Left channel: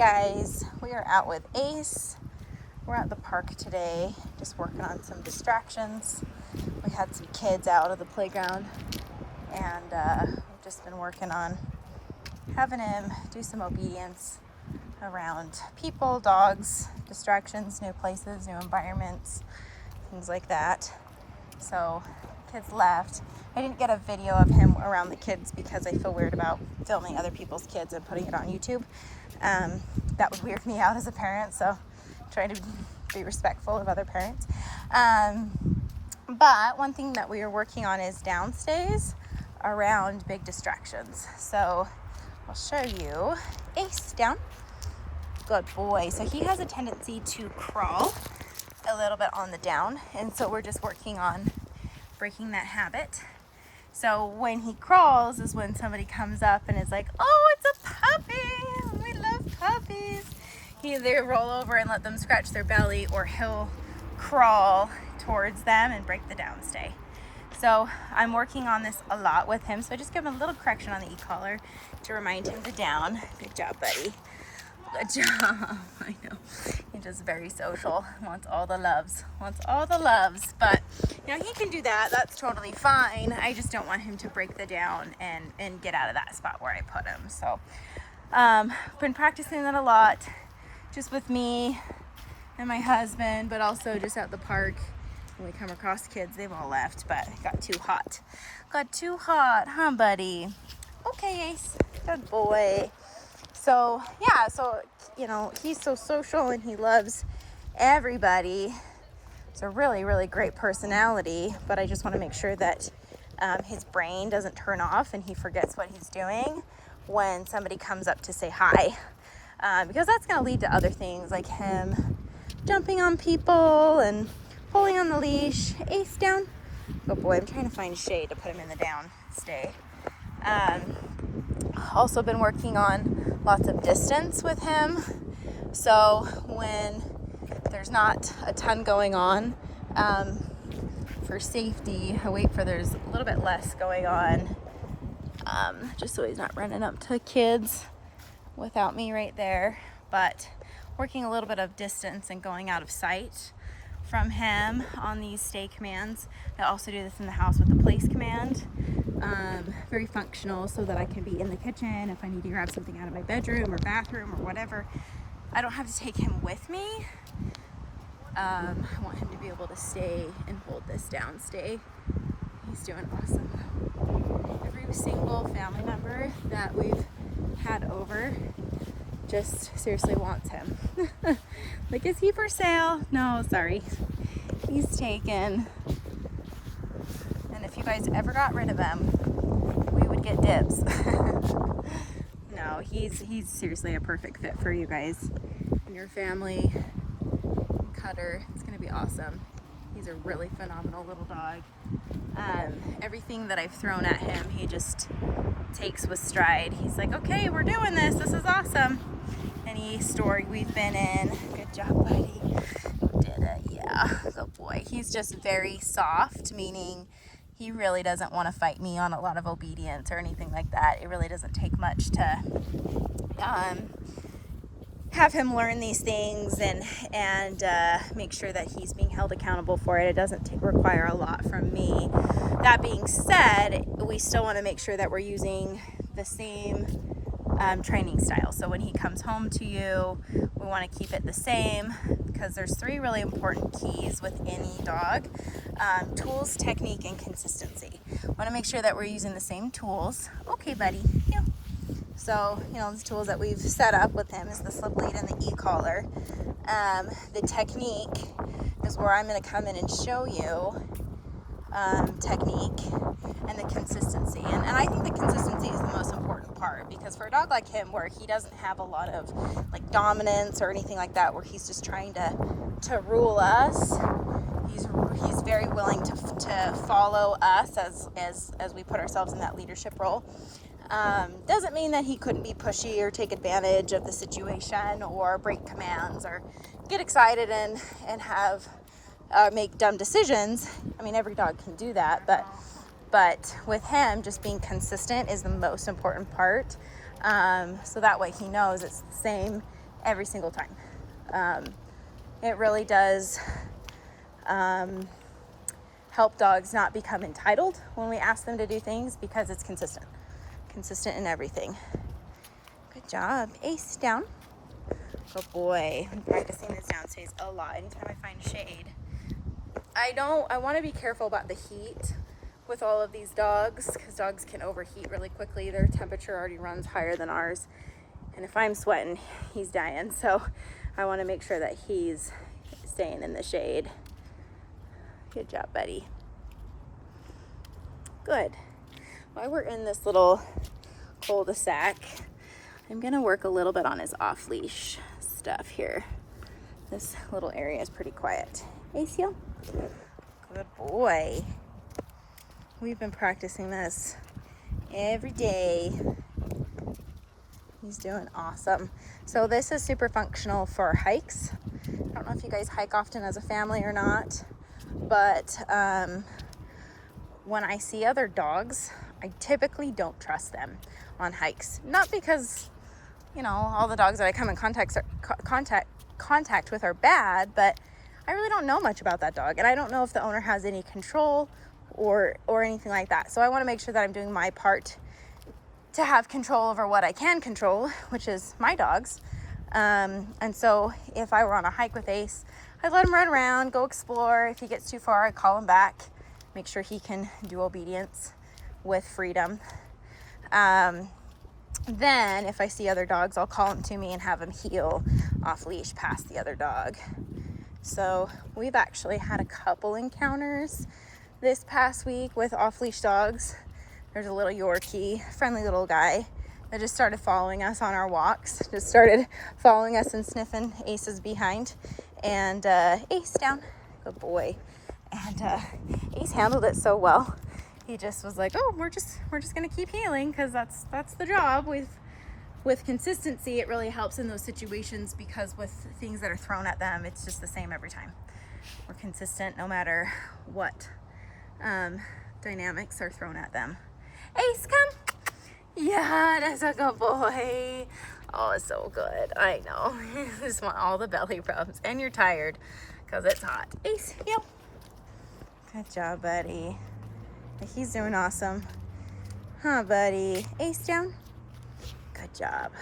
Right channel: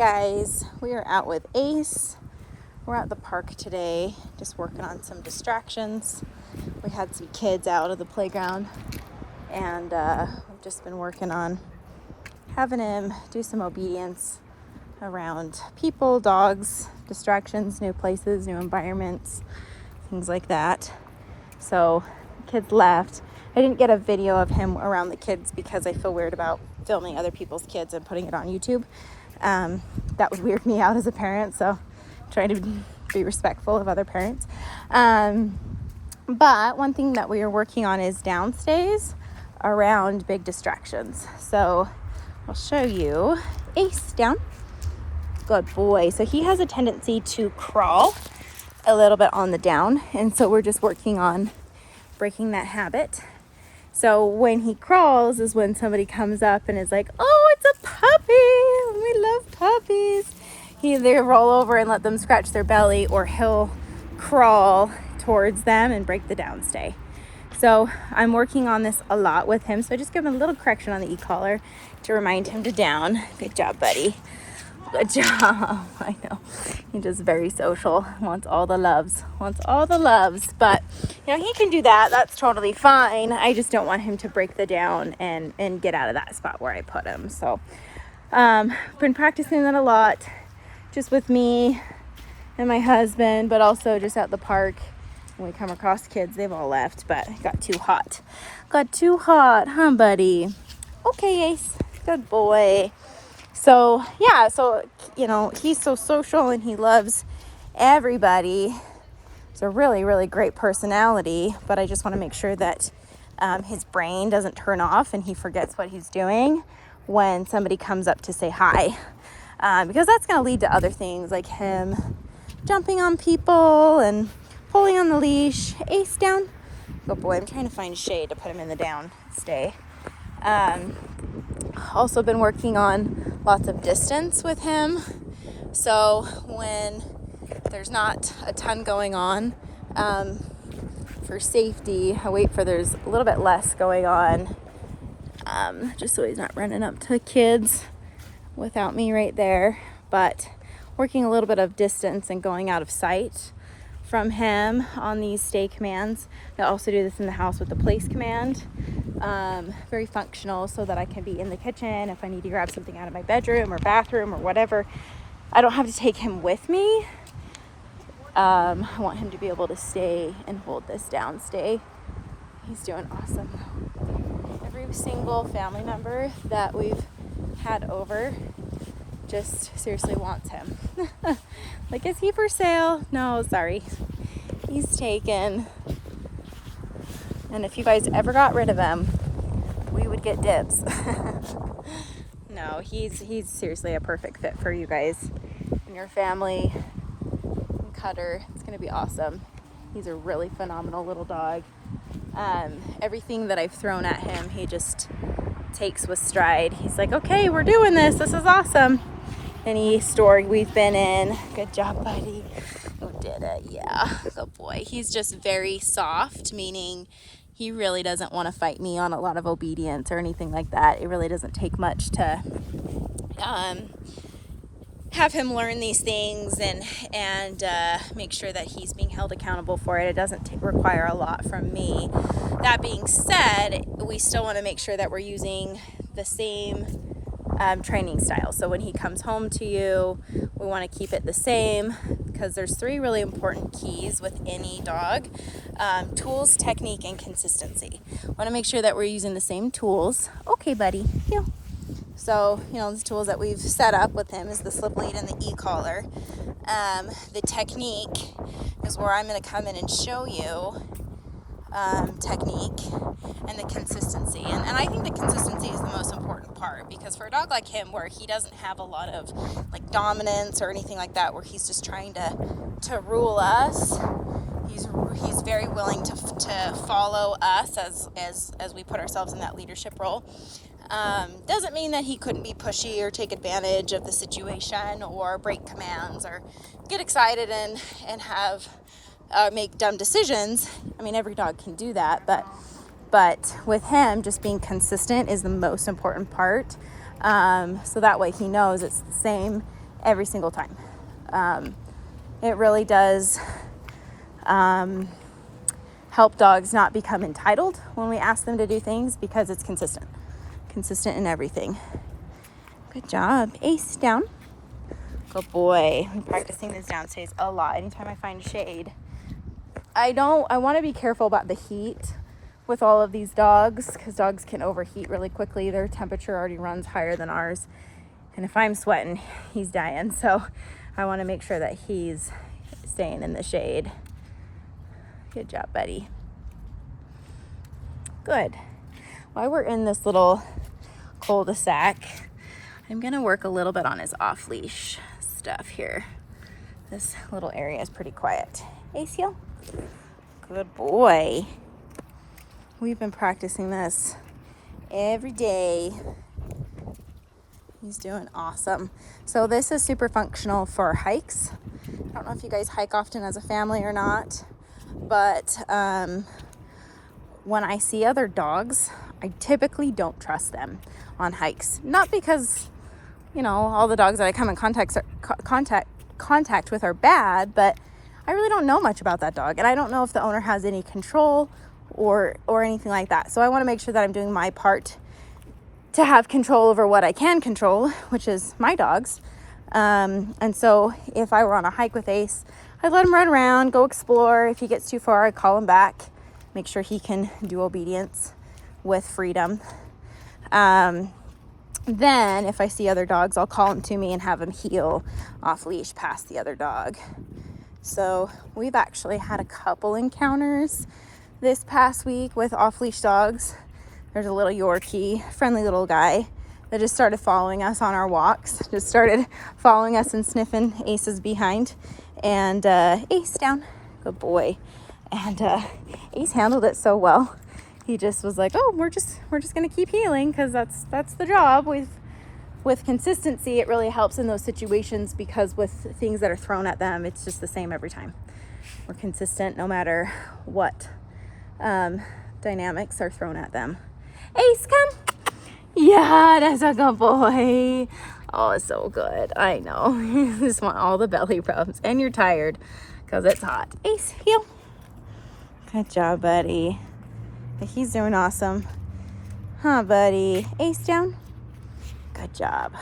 guys, we are out with Ace. We're at the park today, just working on some distractions. We had some kids out of the playground, and I've just been working on having him do some obedience around people, dogs, distractions, new places, new environments, things like that. So the kids left. I didn't get a video of him around the kids because I feel weird about filming other people's kids and putting it on YouTube. That would weird me out as a parent, so I'm trying to be respectful of other parents. But one thing that we are working on is downstays around big distractions. So I'll show you. Ace, down. Good boy. So he has a tendency to crawl a little bit on the down, and so we're just working on breaking that habit. So when he crawls is when somebody comes up and is like, oh, it's a puppy, we love puppies. He either roll over and let them scratch their belly, or he'll crawl towards them and break the downstay. So I'm working on this a lot with him, so I just give him a little correction on the e-collar to remind him to down. Good job, buddy. Good job. I know. He's just very social. Wants all the loves. But, you know, he can do that. That's totally fine. I just don't want him to break the down and get out of that spot where I put him. So, been practicing that a lot, just with me and my husband, but also just at the park. When we come across kids, they've all left, but it got too hot. Huh, buddy? Okay, Ace. Good boy. So yeah, you know, he's so social and he loves everybody. It's a really, really great personality, but I just want to make sure that his brain doesn't turn off and he forgets what he's doing when somebody comes up to say hi, because that's going to lead to other things like him jumping on people and pulling on the leash. Ace, down. Good boy. I'm trying to find shade to put him in the down stay. Also been working on lots of distance with him. So when there's not a ton going on, for safety, I wait for there's a little bit less going on, just so he's not running up to kids without me right there. But working a little bit of distance and going out of sight from him on these stay commands. I also do this in the house with the place command. Very functional, so that I can be in the kitchen if I need to grab something out of my bedroom or bathroom or whatever. I don't have to take him with me. I want him to be able to stay and hold this down stay. He's doing awesome. Every single family member that we've had over just seriously wants him. Like, is he for sale? No, sorry. He's taken. And if you guys ever got rid of him, we would get dibs. No, he's seriously a perfect fit for you guys and your family. And Cutter, it's gonna be awesome. He's a really phenomenal little dog. Everything that I've thrown at him, he just takes with stride. He's like, okay, we're doing this. This is awesome. Any store we've been in, good job, buddy. You did it, yeah, good boy. He's just very soft, meaning he really doesn't want to fight me on a lot of obedience or anything like that. It really doesn't take much to have him learn these things and make sure that he's being held accountable for it. It doesn't require a lot from me. That being said, we still want to make sure that we're using the same training style. So when he comes home to you, we want to keep it the same, because there's 3 really important keys with any dog: tools, technique, and consistency. We want to make sure that we're using the same tools. Okay, buddy. Yeah. So, you know, the tools that we've set up with him is the slip lead and the e-collar. The technique is where I'm going to come in and show you technique, and the consistency. And I think the consistency is the most important part, because for a dog like him, where he doesn't have a lot of like dominance or anything like that, where he's just trying to rule us, he's very willing to follow us as we put ourselves in that leadership role. Doesn't mean that he couldn't be pushy or take advantage of the situation or break commands or get excited and have make dumb decisions. I mean, every dog can do that, but with him, just being consistent is the most important part. So that way he knows it's the same every single time. It really does help dogs not become entitled when we ask them to do things, because it's consistent in everything. Good job. Ace, down. Good boy. I'm practicing this down stays a lot. Anytime I find shade, I want to be careful about the heat with all of these dogs, because dogs can overheat really quickly. Their temperature already runs higher than ours, and if I'm sweating, he's dying. So I want to make sure that he's staying in the shade. Good job, buddy. Good. While we're in this little cul-de-sac, I'm gonna work a little bit on his off-leash stuff here. This little area is pretty quiet. Acio, good boy. We've been practicing this every day. He's doing awesome. So this is super functional for hikes. I don't know if you guys hike often as a family or not, but when I see other dogs, I typically don't trust them on hikes. Not because, you know, all the dogs that I come in contact with are bad, but I really don't know much about that dog, and I don't know if the owner has any control or anything like that. So I want to make sure that I'm doing my part to have control over what I can control, which is my dogs. And so if I were on a hike with Ace, I'd let him run around, go explore. If he gets too far, I'd call him back, make sure he can do obedience with freedom. Then if I see other dogs, I'll call him to me and have him heel off leash past the other dog. So we've actually had a couple encounters this past week with off leash dogs. There's a little Yorkie, friendly little guy, that just started following us on our walks, just started following us and sniffing Ace's behind. And Ace, down. Good boy. And Ace handled it so well. He just was like, oh, we're just gonna keep healing, because that's the job. With consistency, it really helps in those situations, because with things that are thrown at them, it's just the same every time. We're consistent no matter what dynamics are thrown at them. Ace, come. Yeah, that's a good boy. Oh, it's so good. I know. You just want all the belly rubs, and you're tired because it's hot. Ace, heel. Good job, buddy. He's doing awesome. Huh, buddy? Ace, down. Good job.